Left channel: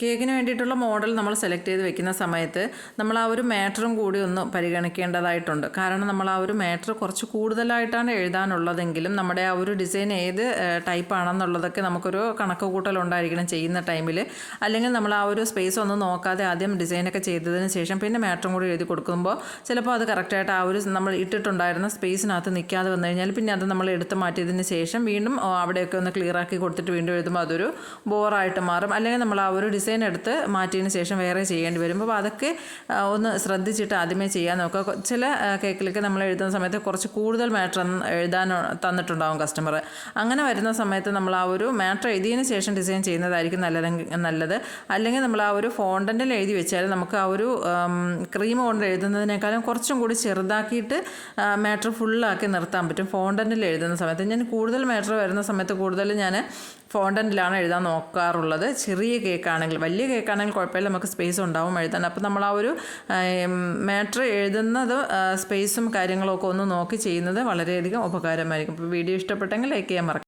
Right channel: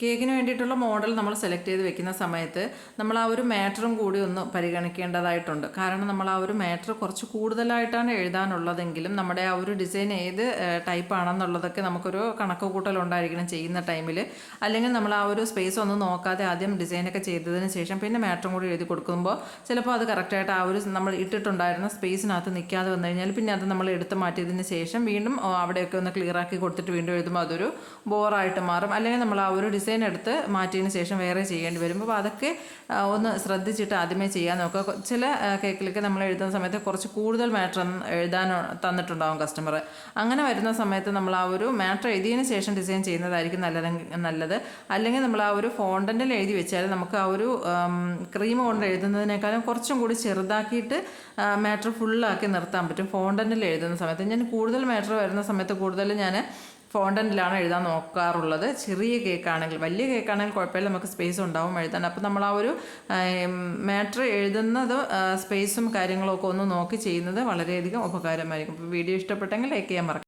കേക്കിന് വേണ്ടിയിട്ടുള്ള മോഡൽ നമ്മൾ സെലക്ട് ചെയ്ത് വെക്കുന്ന സമയത്ത് നമ്മൾ ആ ഒരു മാറ്ററും കൂടി ഒന്ന് പരിഗണിക്കേണ്ടതായിട്ടുണ്ട്. കാരണം നമ്മൾ ആ ഒരു മാറ്റർ കുറച്ച് കൂടുതലായിട്ടാണ് എഴുതാനുള്ളതെങ്കിലും നമ്മുടെ ആ ഒരു ഡിസൈൻ ഏത് ടൈപ്പ് ആണെന്നുള്ളതൊക്കെ നമുക്കൊരു കണക്ക് കൂട്ടലുണ്ടായിരിക്കണം ചെയ്യുന്ന ടൈമിൽ അല്ലെങ്കിൽ നമ്മൾ ആ ഒരു സ്പേസ് ഒന്നും നോക്കാതെ ആദ്യം ഡിസൈനൊക്കെ ചെയ്തതിന് ശേഷം പിന്നെ മാറ്ററും കൂടി എഴുതി കൊടുക്കുമ്പോൾ ചിലപ്പോൾ അത് കറക്റ്റായിട്ട് ആ ഒരു നമ്മൾ ഇട്ടിട്ടുണ്ടായിരുന്ന സ്പേസിനകത്ത് നിൽക്കാതെ വന്നു കഴിഞ്ഞാൽ പിന്നെ അത് നമ്മൾ എടുത്ത് മാറ്റിയതിന് ശേഷം വീണ്ടും അവിടെയൊക്കെ ഒന്ന് ക്ലിയർ ആക്കി കൊടുത്തിട്ട് വീണ്ടും എഴുതുമ്പോൾ അതൊരു ബോറായിട്ട് മാറും. അല്ലെങ്കിൽ നമ്മൾ ആ ഒരു ഡിസൈൻ എടുത്ത് മാറ്റിയതിന് ശേഷം വേറെ ചെയ്യേണ്ടി വരും. അപ്പോൾ അതൊക്കെ ഒന്ന് ശ്രദ്ധിച്ചിട്ട് ആദ്യമേ ചെയ്യാൻ നോക്കുക. ചില കേക്കിലൊക്കെ നമ്മൾ എഴുതുന്ന സമയത്ത് കുറച്ച് കൂടുതൽ മാറ്റർ എഴുതാൻ തന്നിട്ടുണ്ടാവും കസ്റ്റമർ അങ്ങനെ വരുന്ന സമയത്ത് നമ്മൾ ആ ഒരു മാറ്റർ എഴുതിയതിന് ശേഷം ഡിസൈൻ ചെയ്യുന്നതായിരിക്കും നല്ലത് നല്ലത്. അല്ലെങ്കിൽ നമ്മൾ ആ ഒരു ഫോണ്ടന്റിൽ എഴുതി വെച്ചാൽ നമുക്ക് ആ ഒരു ക്രീം കൊണ്ട് എഴുതുന്നതിനേക്കാളും കുറച്ചും കൂടി ചെറുതാക്കിയിട്ട് മാറ്റർ ഫുള്ളാക്കി നിർത്താൻ പറ്റും. ഫോണ്ടന്റിൽ എഴുതുന്ന സമയത്ത് ഞാൻ കൂടുതൽ മാറ്റർ വരുന്ന സമയത്ത് കൂടുതൽ ഞാൻ ഫോണ്ടന്റിലാണ് എഴുതാൻ നോക്കാറുള്ളത്. ചെറിയ കേക്കാണെങ്കിൽ വലിയ കേക്കാണെങ്കിൽ കുഴപ്പമില്ല നമുക്ക് സ്പേസ് ഉണ്ടാവും എഴുതാൻ. അപ്പോൾ നമ്മൾ ആ ഒരു മാറ്റർ എഴുതുന്നത് സ്പേസും കാര്യങ്ങളൊക്കെ ഒന്ന് നോക്കി ചെയ്യുന്നത് വളരെയധികം ഉപകാരമായിരിക്കും. അപ്പോൾ വീഡിയോ ഇഷ്ടപ്പെട്ടെങ്കിൽ ലൈക്ക് ചെയ്യാൻ മറക്കാം